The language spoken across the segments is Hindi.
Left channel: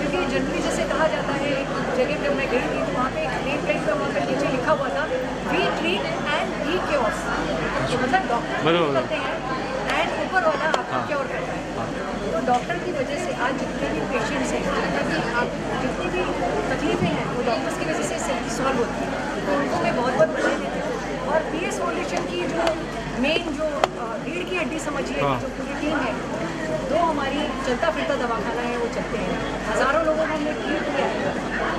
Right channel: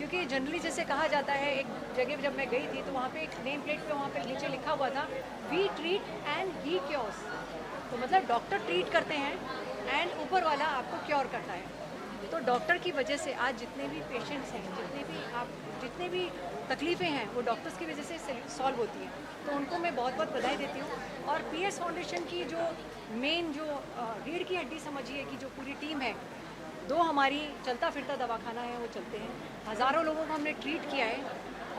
क्योंकि जनरली जैसे कहा जाता है, एक जगह पे मैं गई थी तो वहाँ पे एक नेम प्लेट पे वहाँ पे नीचे लिखा हुआ था, we treat and he cures. तो मतलब डॉक्टर ट्रीट करते हैं एंड ऊपर वाला आपको क्योर करता है। तो डॉक्टर की वजह से आज जितने भी पेशेंट्स हैं, जितनी भी तकलीफें हैं, वो डॉक्टर्स की वजह से सॉल्व होती है। तो उनको मैं बहुत बहुत बधाई देती हूँ। और पीएस फाउंडेशन की जो मेन जो रीढ़ की हड्डी समझिए कि जो पूरी टीम है, दो हमारी चलता फिरता दवाखाना है वो चलते हैं, हज़ारों लोगों को हमने ट्रीट किया है।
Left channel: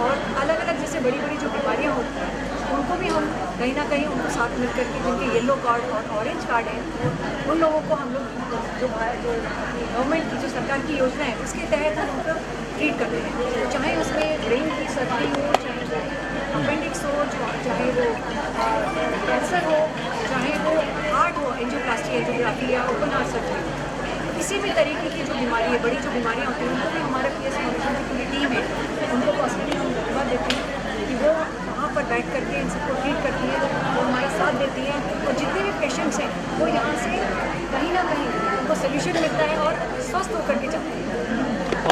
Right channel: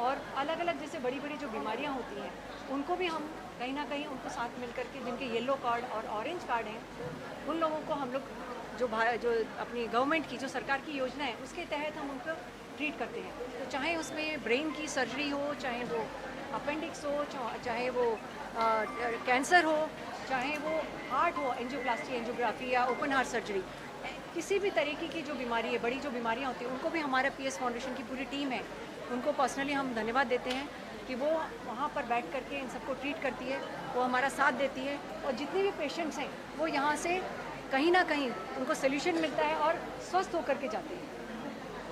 और अलग अलग जैसे बड़ी बड़ी जो बीमारियाँ होती हैं उनको भी हम कहीं ना कहीं उनको साथ मिल करके, जिनके येलो कार्ड और ऑरेंज कार्ड है, उन लोगों को हम लोग जो अपनी गवर्नमेंट की जो सरकार की योजना है उसके तहत हम उनको ट्रीट करते हैं। चाहे उसमें ब्रेन की सर्जरी हो, चाहे वो अपेंडिक्स हो, चाहे वो कैंसर हो, चाहे वो हार्ट हो, एंजियोप्लास्टी एंजियोग्राफी या ओपन हार्ट सर्जरी, किसी भी तरीके की जो बीमारी है, बड़ी जो बीमारियाँ होती हैं, उनको भी हमारा पीएस फाउंडेशन की पूरी टीम है, उनको पर्सनली हम धन्यवाद देते हैं कि वो वहाँ पर बैठ करके इन सबको ट्रीट करती है, वो हमारा साथ देती है। और जितने भी पेशेंट्स हैं वो यहाँ से कहीं ना कहीं उनको सोल्यूशन मिलता है और स्वस्थ होकर के जाते हैं।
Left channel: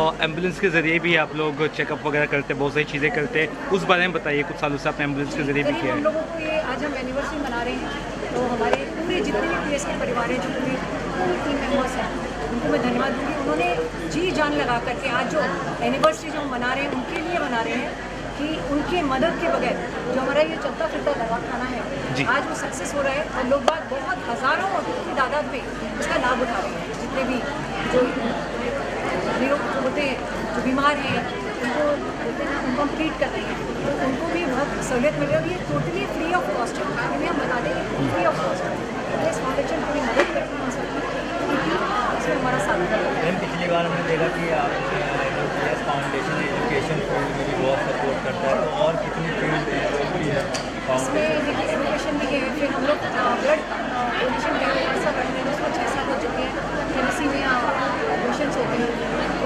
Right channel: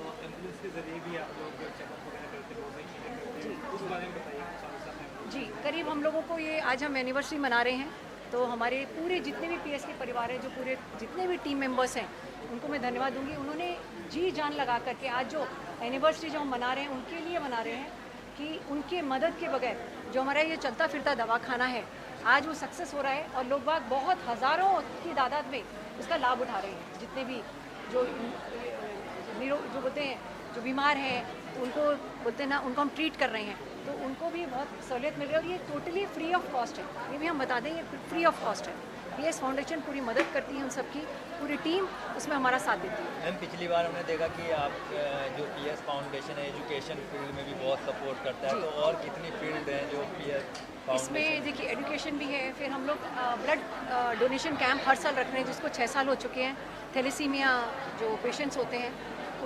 और एम्बुलेंस के ज़रिए भी आप लोग चेकअप वगैरह करते हैं, बहुत सारी चीज़ें करते हैं, उस बारे में बताइए। कुछ सालों से आपने एम्बुलेंस के ज़रिए भी करीब किया हम है। लोगों को ये आज हम एनिवर्सरी मना रहे हैं, तो हमारे पूरे जितने भी पीएस के परिवार हैं, जो पूरी टीम मेंबर्स हैं, उनको मैं धन्यवाद दूँगी। उन्होंने जी जान लगा करके आज जो एनिवर्सरी जो हम मना रहे हैं उनके लिए मना रहे हैं कि उनकी मदद के बगैर जो हमारा ये चलता फिरता दवाखाना है आज वो सक्सेस हो रहा है और लोग बाग बहुत हज़ारों की तादाद में उसका लाभ उठा रहे हैं। जितने भी जो निरोग जो होते हैं, जो बीमार हैं, उनको बोलते हैं ना, उनको हम ट्रीट कर रहे हैं, तो उनको भी बहुत सहूलियत मिल रही है। और ये टोटली फ्री ऑफ कॉस्ट है, ये भी हम बता देंगे, फ्री ऑफ कॉस्ट है। इस फाउंडेशन पूरी मदद करती है उन सबकी, पूरी टीम इसमें हमारा साथ देती है। मैम पिछली बार हमने देखा कि आप पीएस फाउंडेशन एजुकेशन फील्ड में भी बहुत सपोर्ट करता है, और कितनी फील्ड भी है इसमें देखिए एजुकेशन भी है, फिर हम लोग ब्लड डोनेशन कैंप हर साल रखते हैं, उसको 6 साल हो चुके हैं। केबीसी में पेशेंट्स होते हैं,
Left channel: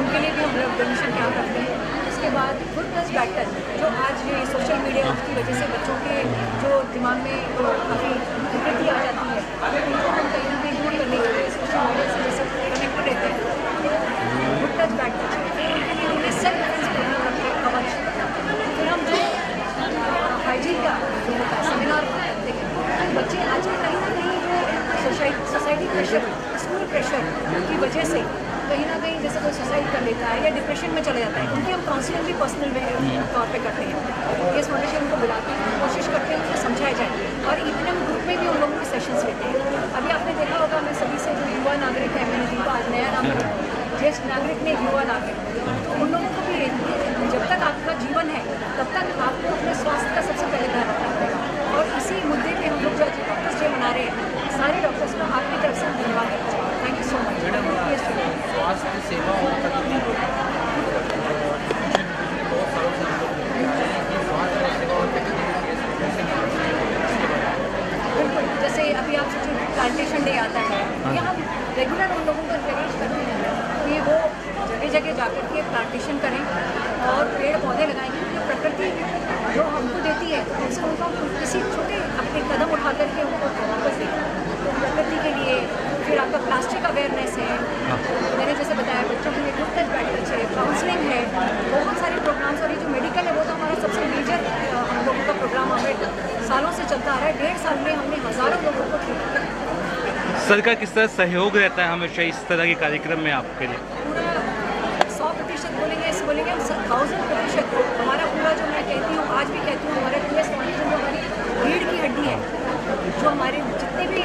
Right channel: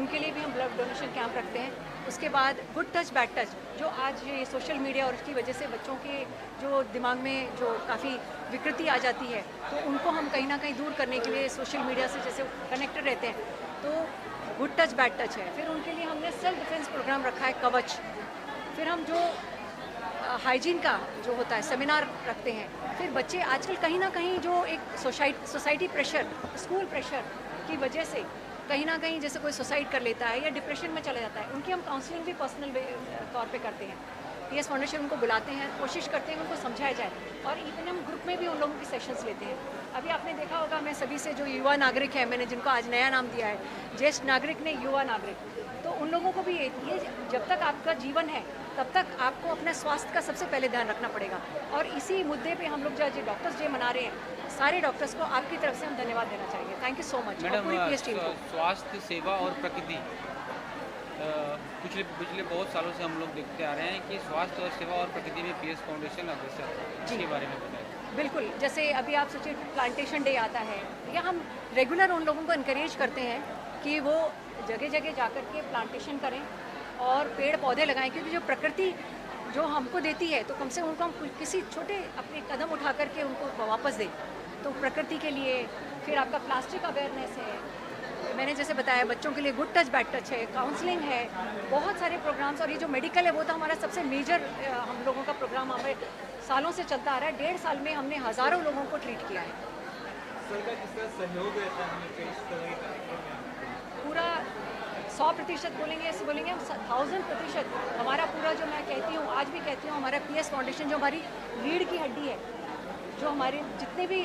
उनके लिए भी हम ब्लड डोनेशन कैंप रखते हैं। उसके बाद गुड टच बैड टच, जो आज ये सोशल मीडिया की वजह से बच्चों के जो दिमाग में काफ़ी विकृति आ जाती है, उनको हम कहीं ना कहीं दूर करने के लिए सोशल मीडिया से जैसे कनेक्टेड रहते हैं, तो गुड टच बैड टच है। फिर उनके लिए हमने सेल्फ डिफेंस प्रोग्राम रखा है, कवच। फिर हम जो हाइजीन का जो होता है सेमिनार करते हैं, बच्चे आजकल कहीं ना कहीं जो सोसाइटी प्रेशर, स्कूल प्रेशर की वजह से कहीं ना कहीं जैसे कोई सुसाइड कर लेता है या डिप्रेशन में चला जाता है, उनकी हम काउंसलिंग भी पर्सनल तौर पे करते हैं। ये फाउंडेशन उनको बुलाते हैं, कोशिश करते हैं उनको समझाया जाए, और इतने ग्रुप में भी उन लोगों के सेशंस लेते हैं। अभी आपने देखा होगा, मैं सभी से जो युवा नागरिक है, मैंने जिनको आज नया नाम दिया है, ज्येष्ठ नागरिक ने युवा नागरिक, तो उन लोगों को भी जब तक आपका जीवन है तब तक आपको अपने स्वास्थ्य का सबसे पहले ध्यान रखना पड़ेगा। और इसी मुद्दे पे हम लोग जो डॉक्टर्स डे मना रहे हैं, सारे डॉक्टर्स को आपकी तरफ से धन्यवाद देना चाहिए। Thank you so much. स्वास्थ्य सेवा और तकनीक पिछले बहुत सालों से हम लोग देखते हैं कि स्वास्थ्य सेवा और तकनीक बिल्कुल, जैसे अभी आप सोचिए प्लांटेशन डे आता है, या हम रेगुलर उन लोगों को इनकरेज करते हैं कि वो जगह जगह जाकर के प्लांटेशन करें और पेड़ पौधे लगाएं, क्योंकि जो प्रकृति जो हमको देती है, तो हमसे उनको किसी छोटे अपने कदम उठा करके उनको वापस दें। तो प्रकृति के लिए फिर आपका प्लास्टिक अवेयरनेस है, मैंने जैसे बताया बच्चों के लिए गुड टच बैड टच है, काउंसलिंग है, बहुत सारे प्रोग्राम्स। और ये जो मेडिकल है वो तो हमारा सबसे मेजर हम लोगों का प्रोग्राम हमें सालों से चलता आ रहा है। 1.5 साल में हमने हज़ारों लोगों को ट्रीट किया। सर का किस तरह सहयोग रहता है हमेशा इस तरह के कार्यक्रम में आपके लिए? पूरा 100% बोलेंगे, हम 1000% हमारा पूरा, जो मैं कहती हूँ आज भी कहती हूँ, हमारा पीएस फाउंडेशन जो हमारी रीढ़ की हड्डी है, जो हमारे जितने भी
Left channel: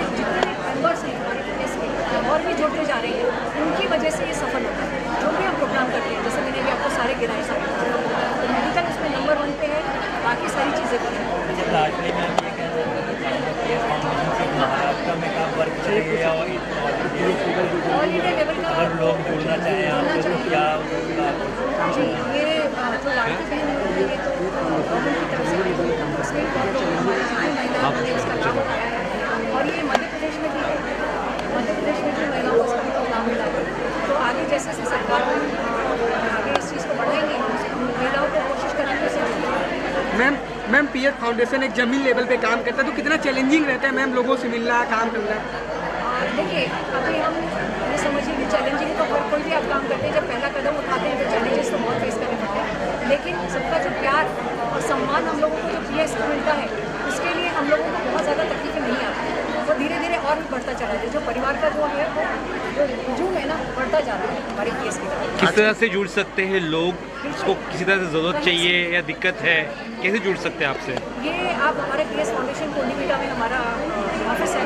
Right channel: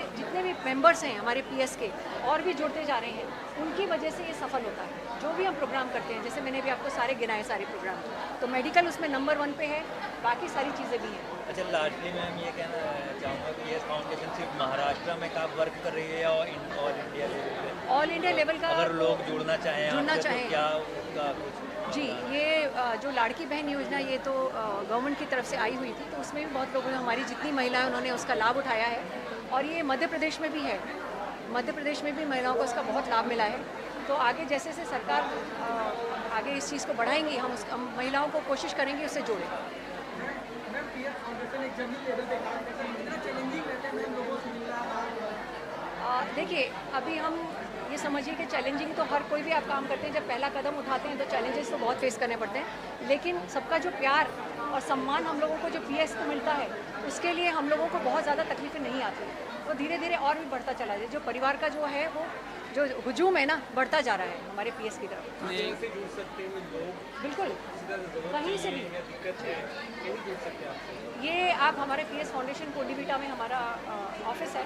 मेंबर्स हैं हमारे पीएस के, और भी जोड़ते जा रहे हैं, उनकी वजह से ये सफल होता है। जो भी हम प्रोग्राम करते हैं, जैसे मैंने भी आपको सारे गिनाए, सारे तो मेडिकल उसमें नंबर 1 पे है, बाकी सारी चीज़ें भी हैं। लास्टली मैं ये कह रहा हूँ कि पीएस फाउंडेशन से महाराष्ट्र में काम वर्क करेंगे, और ऑल इंडिया लेवल का अगर लोग जुड़ना चाहें क्या जी, ये जो लाड़की बहन है, ये तो गवर्नमेंट की तरफ से आई हुई है, उसमें बहुत लोग हमारी जितनी महिलाओं ने उसका लाभ उठाया है, और ये मध्य प्रदेश में भी है, मध्य प्रदेश में भी महिलाओं को इसका बहुत लाभ मिला है। तो आगे जैसे जैसे सरकार आगे इस चीज़ को बढ़ाएंगे, हम महिलाओं को कोशिश करेंगे उसे जोड़ें। मैम पीएस फाउंडेशन एक ज़मीन लेवल पे काम करता है, तो कितना चैलेंजिंग रहता है मैम लोगों से मिलना, काम करना? देखिए, अभी हम ये समझिए कि चैलेंजिंग तो हर कोई भी आप काम करते हैं, जब पहला कदम उठाते हैं तो चैलेंजेस तो बहुत फेस करने पड़ते हैं। बढ़ता जा रहा है हमारे पीएस की तरफ। किस तरह से जुड़ सकते हैं लोग, इसको किसी तरह से ज़रूरत चाहिए या दिक्कत है, कैसे जुड़ सकते हैं आपसे? ये आप हमारे पीएस फाउंडेशन कोंडीबिटा में हमारा ऑफिस है,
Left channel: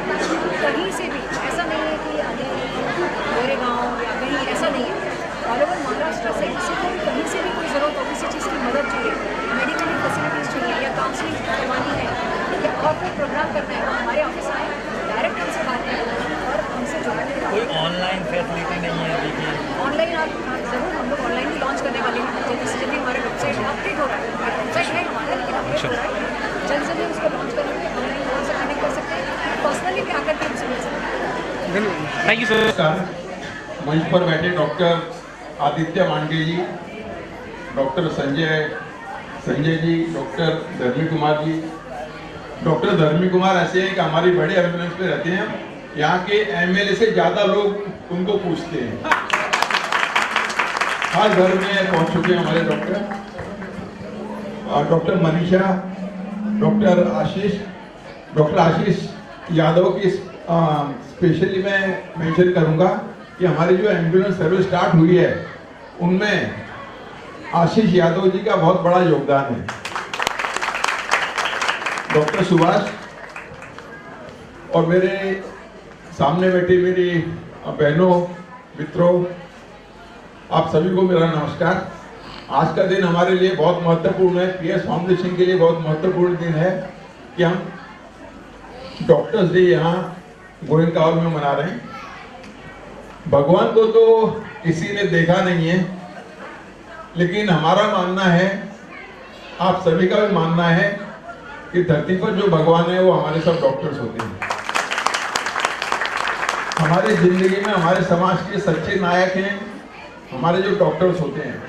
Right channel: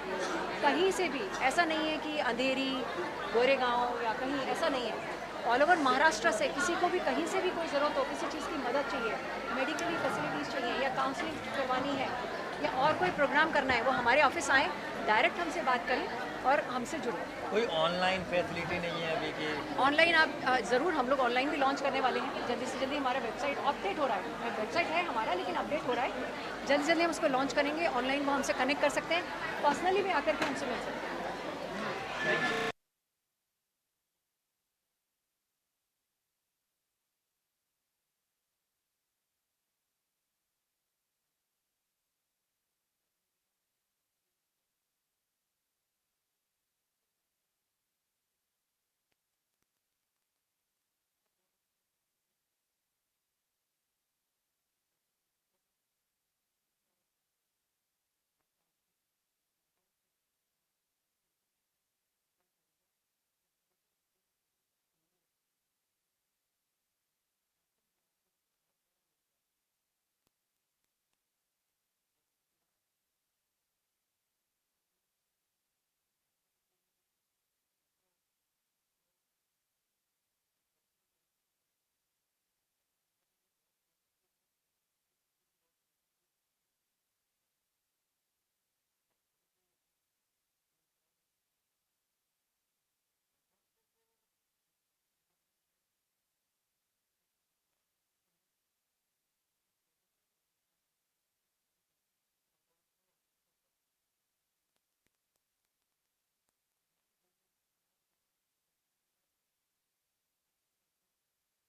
कहीं से भी, ऐसा नहीं है कि अंधेरी मेरे गाँव या कहीं, ऐसा नहीं है। ऑल ओवर महाराष्ट्र से किसी को भी कहीं से भी कोई ज़रूरत हो, किसी चीज़ की मदद चाहिए, मेडिकल फैसिलिटीज़ चाहिए या काउंसलिंग करवानी है या और कोई प्रोग्राम करना है, वो हमारे ऑफिस आएँ, डायरेक्ट हमसे बात करें और हमसे जुड़ें। कोई ऑनलाइन फैसिलिटी नहीं है अभी भी? ऑनलाइन आप ज़रूर, हम लोग ऑनलाइन भी लॉन्च करने वाले हैं, जल्दी से जल्दी हमारा वेबसाइट अपडेट हो रहा है, वेबसाइट है हमारा लेकिन अपडेट हो रहा है, जल्द से जल्द उसको लॉन्च करेंगे, ऑनलाइन कॉल से कनेक्ट कर सकते हैं, पर्सनली भी आकर के हमसे मिल सकते हैं। Thank you so much. नमस्कार। मंच पर बैठे डॉक्टर आदित्य मांडे जी, डॉक्टर संजय जी, डॉक्टर धर्मी कुमार जी। डॉक्टर धर्मी कुमार ऐसे हैं कि हमारी बड़े एम्बुलेंस पे रहते हैं, यहाँ के एमएलए से ज़्यादा लोग उनको पूछते हैं, हर घर में पहुँच चुके हैं हमारे डॉक्टर। डॉक्टर मनीषा, डॉक्टर आशीष यादव की स्पेशली मैं मेंशन करूंगा कि हमारी जो एम्बुलेंस सर्विस स्टार्ट हुई है उनमें आशीष यादव जी का बहुत बड़ा योगदान है। डॉक्टर सुभाष और मेरे सामने बैठी मेरी बहनों, मित्रों, आप सभी को मेरा नमस्कार। आज का दिन हमारे लिए बहुत महत्वपूर्ण है, पीएस फाउंडेशन के लिए बहुत महत्वपूर्ण दिन है कि हम डॉक्टर्स डे यहाँ गोयनकावल में मना रहे हैं। भगवान को तो किसी ने देखा नहीं है, लेकिन हमारा मानना है, आप सभी का भी मानना है कि धरती पर जो भगवान है वो हमारे सब डॉक्टर्स होते हैं। हमारी जिंदगी में हमारे समाज के सच्चे नायक हैं हमारे जो डॉक्टर्स होते हैं।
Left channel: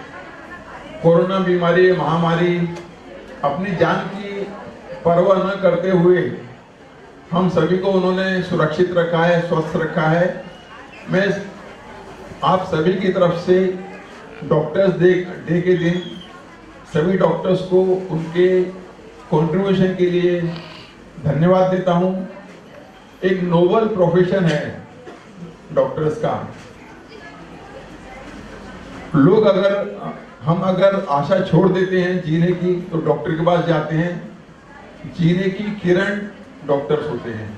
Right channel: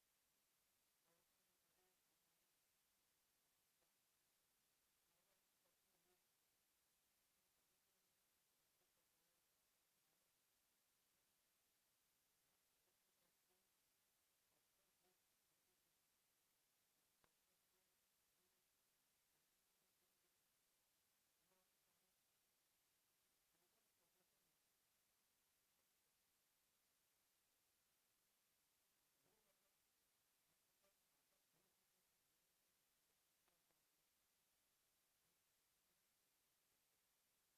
कोरोना बीमारी, महामारी, अपनी जान की परवाह न करते हुए हम सभी को उन्होंने सुरक्षित रखा है, स्वस्थ रखा है। मैं आप सभी की तरफ से डॉक्टर्स डे के दिन सभी डॉक्टर्स को उनके कंट्रीब्यूशन के लिए धन्यवाद देता हूं। एक नोबल प्रोफेशन है डॉक्टर्स का। लोग हम अगर आशा छोड़ देते हैं जीने की तो डॉक्टर के पास जाते हैं। जीने की किरण डॉक्टर्स होते हैं।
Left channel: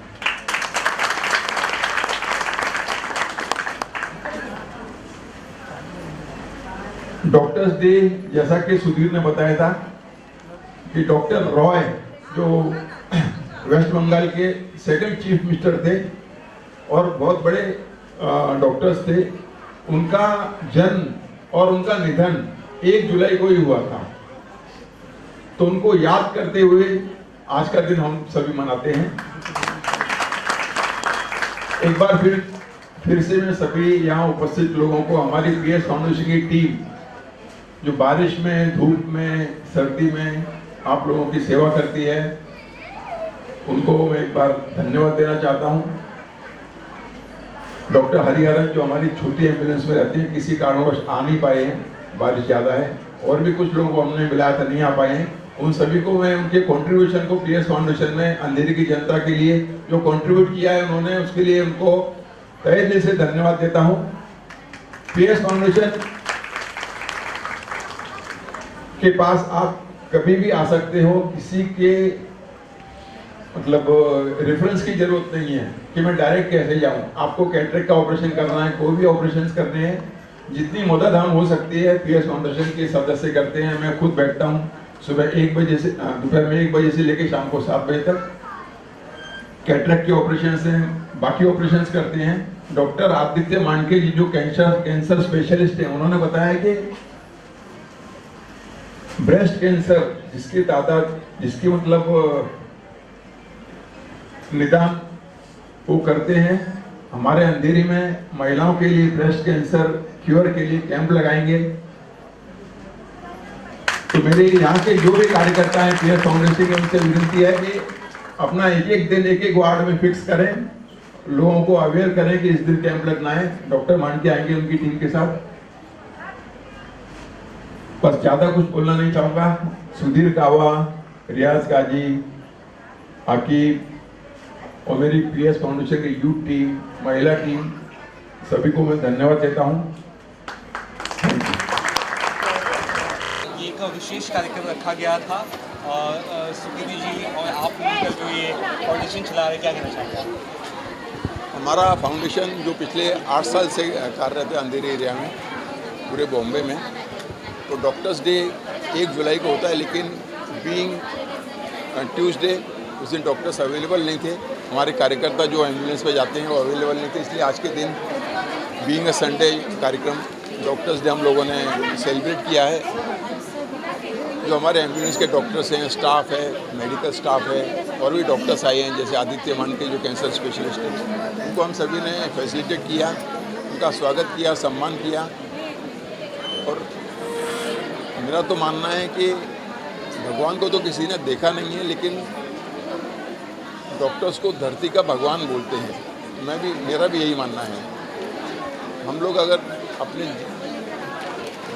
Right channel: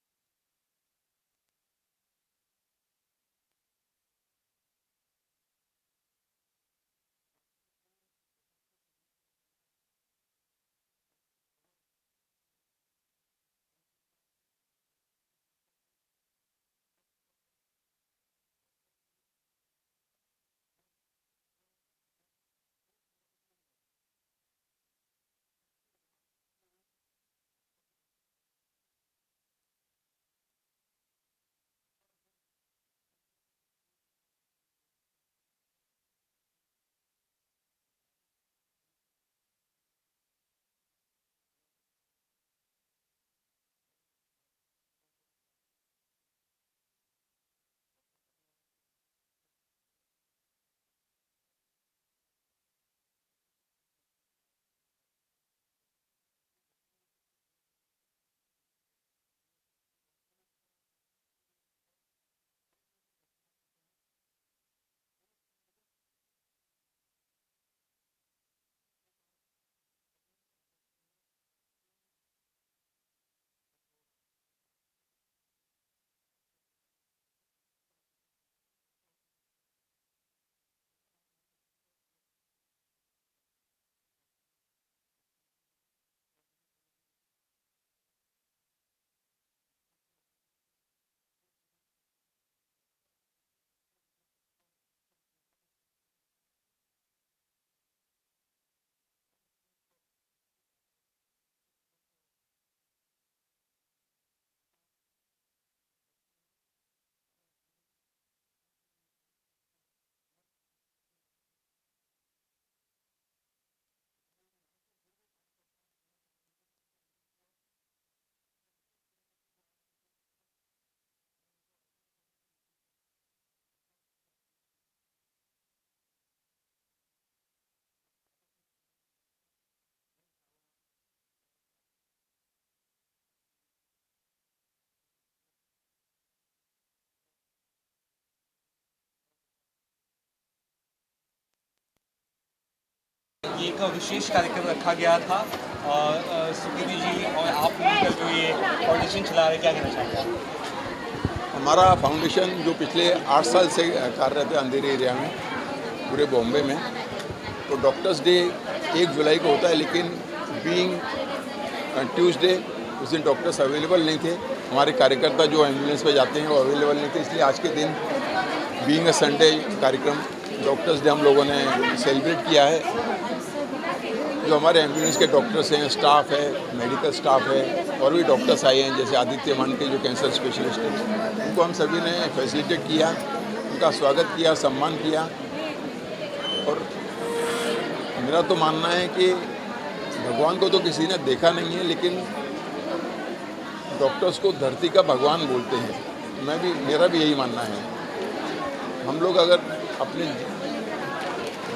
डॉक्टर्स डे जैसा कि सुधीर ने बताया था कि डॉक्टर रॉय जो वेस्ट बंगाल के सेकंड चीफ मिनिस्टर थे और बहुत बड़े डॉक्टर्स थे, उनका जन्म और उनका निधन 1 जुलाई को ही हुआ था। तो उनको याद करते हुए आज का दिन हम सभी मनाते हैं। एक बार फिर से मैं सभी यहाँ उपस्थित लोगों को, हमारी पीएस फाउंडेशन की टीम जो बारिश में, धूप में, सर्दी में आप लोगों की सेवा करती है, उनको मैं एक बार धन्यवाद देना चाहता हूँ। डॉक्टर हरिहरन जो हमारी छोटी एम्बुलेंस में रहते हैं, किसी कारणवश आ नहीं पाए हैं, बारिश ज़्यादा है, और भी कुछ लोगों को हमने मिलाया था नहीं आ पाए हैं, उन सभी को मैं उनके कंट्रीब्यूशन को पीएस फाउंडेशन में अंधेरी की जनता के लिए जो कंट्रीब्यूट किया है उन्होंने, उसके लिए उनको तहे दिल से धन्यवाद देता हूँ। पीएस फाउंडेशन के पास आप कभी भी आ सकते हो, किसी के मतलब रेफरेंस की जरूरत नहीं है कि मैं डायरेक्ट कैसे जाऊं। आपको कैटरेक्ट का ऑपरेशन करना है, कोई भी ऑपरेशन करने हैं, जितनी मदद हम हो सकती है पीएस फाउंडेशन के सदस्य करते हैं। मैं खुद बैठता हूं सुबह 1 बजे से, दोपहर में 1 बजे से लेकर शाम को 7 बजे तक। कैटरेक्ट के ऑपरेशन हैं, बाकी ऑपरेशन करते हैं। डॉक्टर आदित्य मांडे जी जो कैंसर स्पेशलिस्ट हैं, उन्होंने बताया कि ब्रेस्ट कैंसर जिसकी मतलब निदान वो करते हैं। हमारे अंधेरी में महिलाओं के लिए ब्रेस्ट कैंसर क्योर के लिए कैंप लगाएंगे। तो मेरे यहाँ के जो भी कार्यकर्ता हैं पीएस फाउंडेशन के, उनसे विनती है कि अपना एक दिन एक वार्ड में फिक्स करें, लोगों को अवेयर करें कि इस दिन कैंप लगना है। डॉक्टर मांडे आएंगे उनकी टीम के साथ। बस ज्यादा कुछ बोलना नहीं चाहूंगा। सुधीर कावा, रियाज काजी, आकिब और मेरी पीएस फाउंडेशन की यूथ टीम, महिला टीम, सभी को मैं धन्यवाद देता हूँ। ये एक विशेष कार्यक्रम रखा गया था और सुकृति जी और आप मिलकर जो ये फाउंडेशन चला रहे, क्या कहना चाहेंगे? हमारा फाउंडेशन जो पिछले 8 साल से कार्यरत है अंधेरी एरिया में, पूरे बॉम्बे में, तो डॉक्टर्स डे 1 जुलाई को होता है, लेकिन बीइंग ट्यूसडे उस दिन डॉक्टर्स अवेलेबल नहीं थे। हमारे कार्यकर्ता जो एम्बुलेंस पे जाते हैं वो अवेलेबल नहीं थे, इसलिए आज के दिन बीइंग अ संडे कार्यक्रम डॉक्टर्स डे हम लोगों ने सेलिब्रेट किया है। जो हमारे एम्बुलेंस के डॉक्टर्स हैं, स्टाफ है, मेडिकल स्टाफ है, और भी डॉक्टर्स आए हैं जैसे आदित्य मान के जो कैंसर स्पेशलिस्ट हैं, उनको हम सभी ने फैसिलिटेट किया, उनका स्वागत किया, सम्मान किया। और मेरा तो मानना है कि भगवान को तो किसी ने देखा नहीं है, लेकिन डॉक्टर्स को धरती का भगवान बोलते हैं। मेरा भी यही मानना है। हम लोग अगर अपने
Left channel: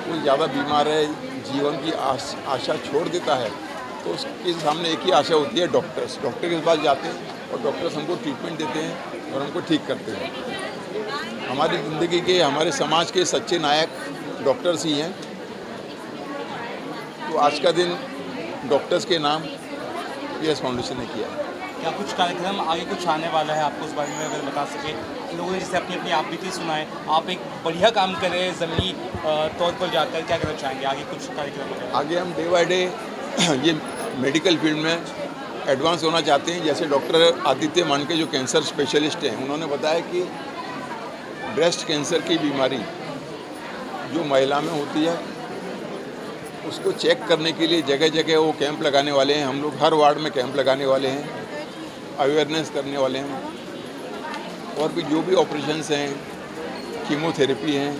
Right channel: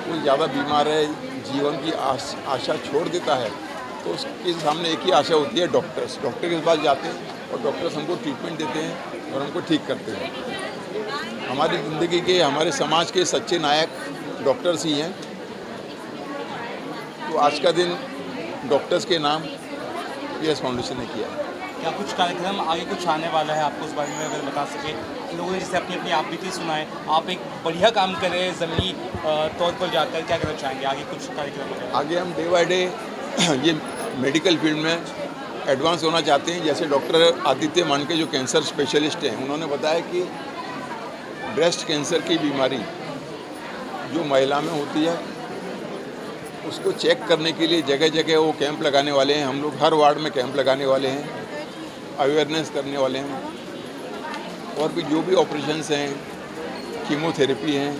कोई ज़्यादा बीमार है, जीवन की आशा छोड़ देता है, तो उसके सामने एक ही आशा होती है, डॉक्टर के पास जाते हैं और डॉक्टर्स हमको ट्रीटमेंट देते हैं और हमको ठीक करते हैं। हमारी ज़िंदगी के, हमारे समाज के सच्चे नायक डॉक्टर्स ही हैं। तो आज का दिन डॉक्टर्स के नाम PS फाउंडेशन ने किया है। क्या कुछ कार्यक्रम आगे कुछ आने वाला है, आपको उस बारे में अगर बता सके? लोगों ने जैसे अपनी अपनी आप बीती सुनाए, आप एक बढ़िया काम कर रहे हैं ज़मीनी तौर पर जाकर, क्या करना चाहेंगे आगे कुछ कार्यक्रम? आगे हम डे बाय डे ये मेडिकल फील्ड में एडवांस होना चाहते हैं। जैसे डॉक्टर आदित्य मान के जो कैंसर स्पेशलिस्ट हैं, उन्होंने बताया कि ब्रेस्ट कैंसर की बीमारी जो महिला में होती है, उसको चेक करने के लिए जगह जगह वो कैंप लगाने वाले हैं। हम लोग हर वार्ड में कैंप लगाने वाले हैं, अवेयरनेस करने वाले हैं, और भी जो भी ऑपरेशंस हैं, कीमोथेरेपी हैं,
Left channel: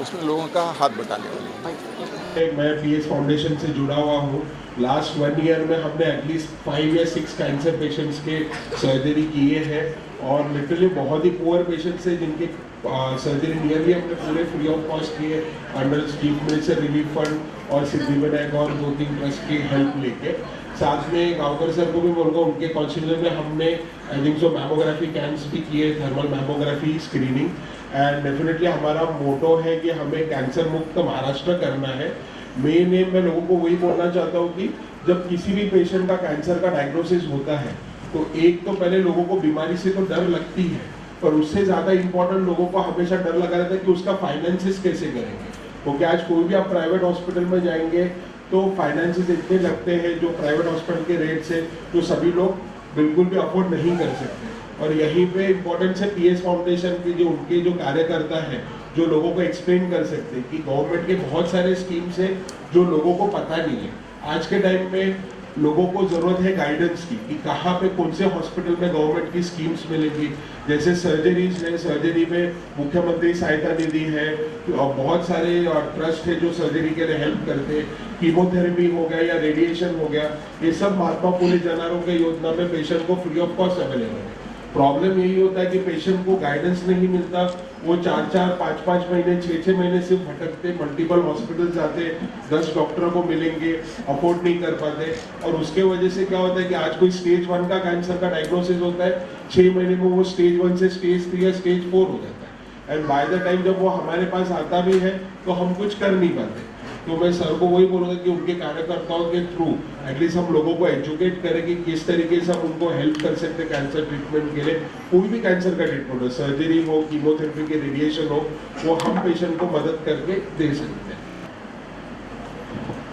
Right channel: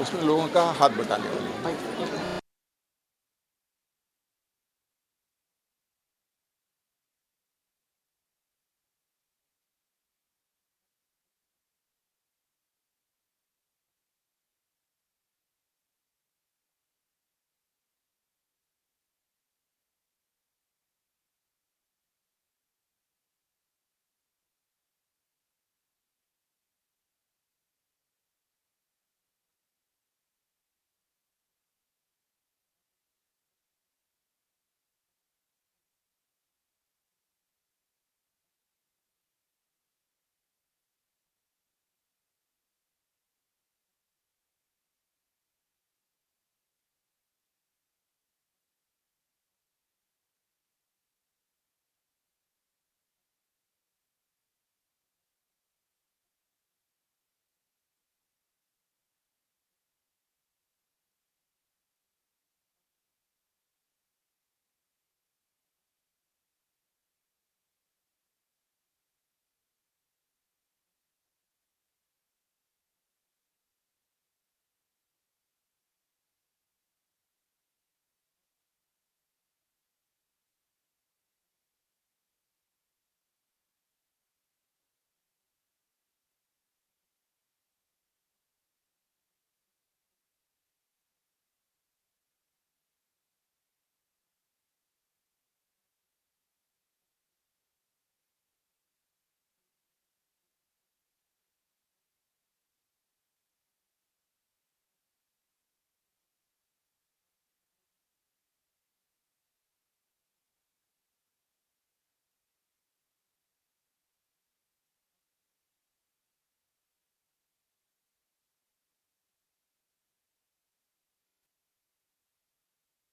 उसमें लोगों का हाथ बटाने वाले हैं। मैं PS फाउंडेशन से जुड़ा हुआ हूँ। लास्ट 1 ईयर में हमने एटलीस्ट 5 या 6 कैंसर पेशेंट्स के सर्जरी किए हैं, और लिटरली बहुत ही पुअर पेशेंट्स हैं जिनके सर्जरी नियरली हमने पूरे फ्री ऑफ कॉस्ट किए under chief minister relief fund और सिद्धिविनायक और 2-3 ट्रस्ट की हेल्प लेके। साथ में गांवकर सर को भी बोलूँगा, उनके कॉन्स्टिट्यूशन में हमने I think so mammography camps भी किए, thermal mammography screening. And definitely हमारा मोटो है कि हमें कैंसर मुक्त महाराष्ट्र करना है। मेन एम मैं लोगों को वही बोलना चाहता हूँ कि जब किसी भी पेशेंट का कैंसर का डायग्नोसिस होता है, तो एक तो पहले लोगों को बीमारी से तो डर लगती है, पर उससे ज़्यादा इम्पोर्टेंट लोगों को हमेशा डर लगा रहता है कि उसका फाइनेंसिस कैसे करेंगे। क्योंकि आज कोई भी आप प्राइवेट हॉस्पिटल में जाएंगे तो फाइनेंसिस इतने लगते हैं जो प्राइवेट हॉस्पिटल के रेट से, जो सभी लोग बिल्कुल भी अफोर्ड नहीं कर सकते। और यहीं पे इम्पोर्टेंस है PS फाउंडेशन की, जो उनके जो कार्यकर्ता हैं, जो लोगों को एक्सप्लेन कर सकते हैं कि गवर्नमेंट के बहुत सारे स्कीम्स हैं जो लोगों को पता नहीं है। आज के टाइम पे लोगों को ज़रूरत है गाइडेंस की कि कहाँ पे कौन से हॉस्पिटल में गवर्नमेंट की स्कीम्स मिलेगी। जैसे सर्जरीज है, सर्जरी में मुख्यमंत्री सहायता निधि है, और बहुत सारे ट्रस्ट है जो सर्जरी के लिए हेल्प करते हैं। कीमोथेरेपी हो गया या रेडिएशन हो गया, ये सब महात्मा फुले जन आरोग्य योजना में पेशेंट को फ्री ऑफ कॉस्ट अवेलेबल है। प्रॉब्लम यही होता है कि पेशेंट को गाइडेंस नहीं मिलता, वो 4-4, 5-5 महीने, 6-6 महीने सिर्फ भटकते, मल्टीपल हॉस्पिटल जाते, 10 डॉक्टरों को मिलेंगे, अफोर्ड नहीं कर पाते। और उसके वजह से क्या होता है कि आज कोई स्टेज 1 का कैंसर का डायग्नोसिस होता है, 6 महीने में वो स्टेज 1 से स्टेज 3 या स्टेज 4 हो जाता है। एंड बाय द टाइम जब वो हमारे पास आता भी है तो हम कुछ कर नहीं पाते। तो मैं सर को वही बोलूँगा कि उनके कार्यकर्ताओं के थ्रू एटलीस्ट हम लोगों को एजुकेट करें कि किस तरीके से हम उनको हेल्प कर सकते हैं कैंसर ट्रीटमेंट के लिए। कोई भी कैंसर का ट्रीटमेंट हो, सर्जरी हो, कीमोथेरेपी के रेडिएशन हो, वो हम पेशेंट को मदद करके दे सकते हैं।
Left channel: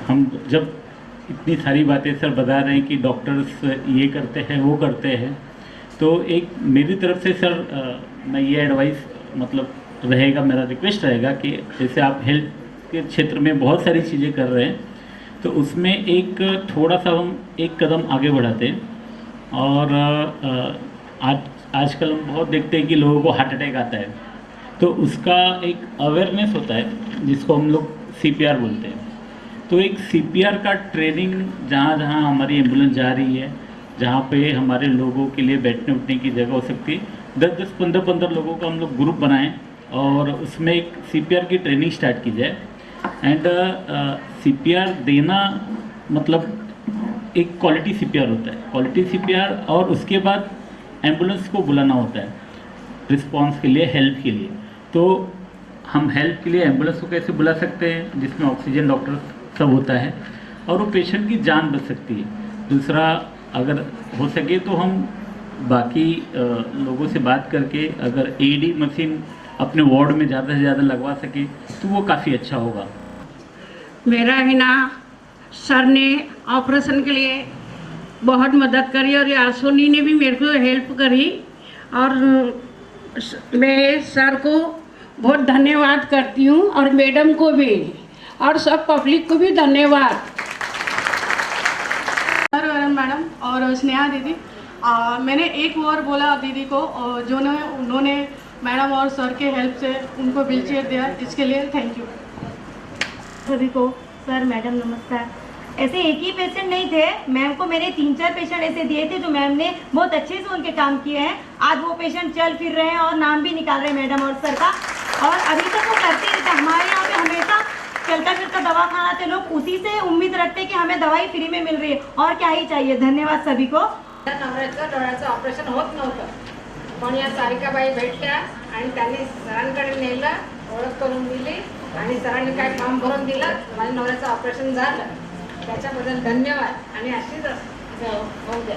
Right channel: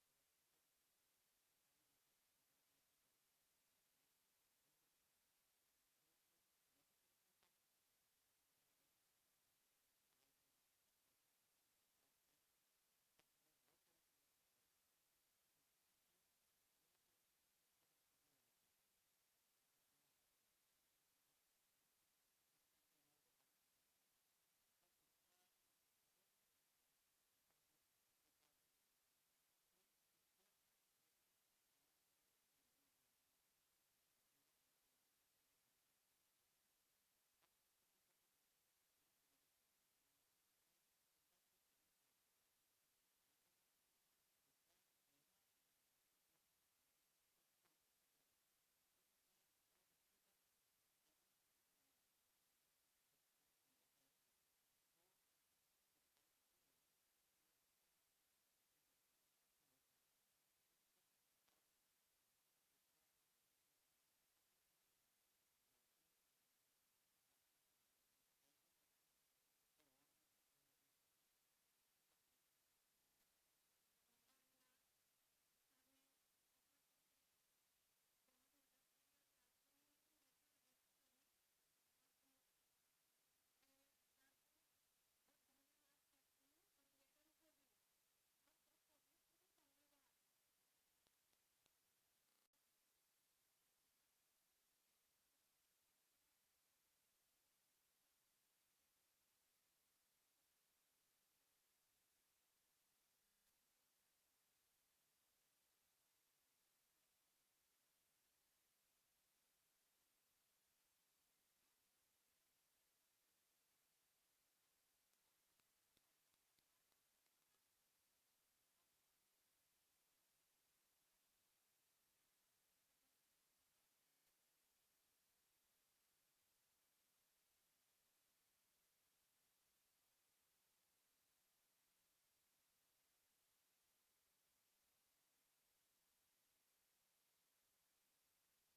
हम जब इतनी सारी बातें सर बता रहे हैं कि डॉक्टर्स ये करते हैं, वो करते हैं, तो एक मेरी तरफ से सर मैं ये एडवाइस मतलब रहेगा, मेरा रिक्वेस्ट रहेगा कि जैसे आप हेल्थ के क्षेत्र में बहुत सारी चीज़ें कर रहे हैं, तो उसमें एक थोड़ा सा हम एक कदम आगे बढ़ाते हैं। और आजकल हम बहुत देखते हैं कि लोगों को हार्ट अटैक आता है, तो उसका एक अवेयरनेस होता है जिसको हम लोग CPR बोलते हैं। तो एक CPR का ट्रेनिंग जहाँ जहाँ हमारी एम्बुलेंस जा रही है, जहाँ पे हमारे लोगों के लिए बैठने उठने की जगह हो सकती है, 10-10, 15-15 लोगों का हम लोग ग्रुप बनाएं और उसमें एक CPR की ट्रेनिंग स्टार्ट की जाए। एंड CPR देना मतलब एक क्वालिटी CPR होता है, क्वालिटी CPR, और उसके बाद एम्बुलेंस को बुलाना होता है रिस्पांस के लिए, हेल्प के लिए। तो हम हेल्प के लिए एम्बुलेंस को कैसे बुला सकते हैं जिसमें ऑक्सीजन डॉक्टर सब होता है और वो पेशेंट की जान बच सकती है। दूसरा, अगर हो सके तो हम बाकी लोगों से बात करके अगर एडी मशीन अपने वार्ड में ज़्यादा से ज़्यादा लगवा सके तो वो काफ़ी अच्छा होगा। मेरा ही ना सर ने ऑपरेशन के लिए बहुत मदद करी और यासोनी ने भी मेरे को हेल्प करी और मैं सर को बहुत धन्यवाद करती हूँ और मैडम को भी और सब पब्लिक को भी धन्यवाद। सर मैडम और स्नेहा दीदी, मैंने एक और बोला दीदी को जो उन्होंने मैडम और सर के हेल्प से उनको व्हील चेयर दिया, इसके लिए थैंक यू सभी को। सर मैडम नमस्कार। ऐसे एक ही पेशेंट नहीं थे, मैम को मेरे 3-4 पेशेंट ऐसे दिए थे जो मैम ने बहुत अच्छे से उनके काम किए हैं। आज वो पेशेंट चल फिर रहे हैं और नाम भी निकाल रहे हैं मैडम और सर का, और अभी तक वो करते रहते। हमारे यहाँ पे हमेशा चलता फिरता दवाखाना थे, लोग उसी से उम्मीद रखते कि हमें दवाई फ्री में मिल रही है और क्या ही चाहिए। धन्यवाद सभी को। नवऱ्याचं डोळ्याचं ऑपरेशन होत नव्हतं, पण या सारिकाबाई भेटल्या आणि त्यांनी सरांकडे नेलं, ओळख करून दिली आणि सरांनी काय फॉर्म भरून दिलं, माझ्या नवऱ्याचं ऑपरेशन झालं। त्याच्याबद्दल धन्यवाद आणि अशीच होऊ द्या।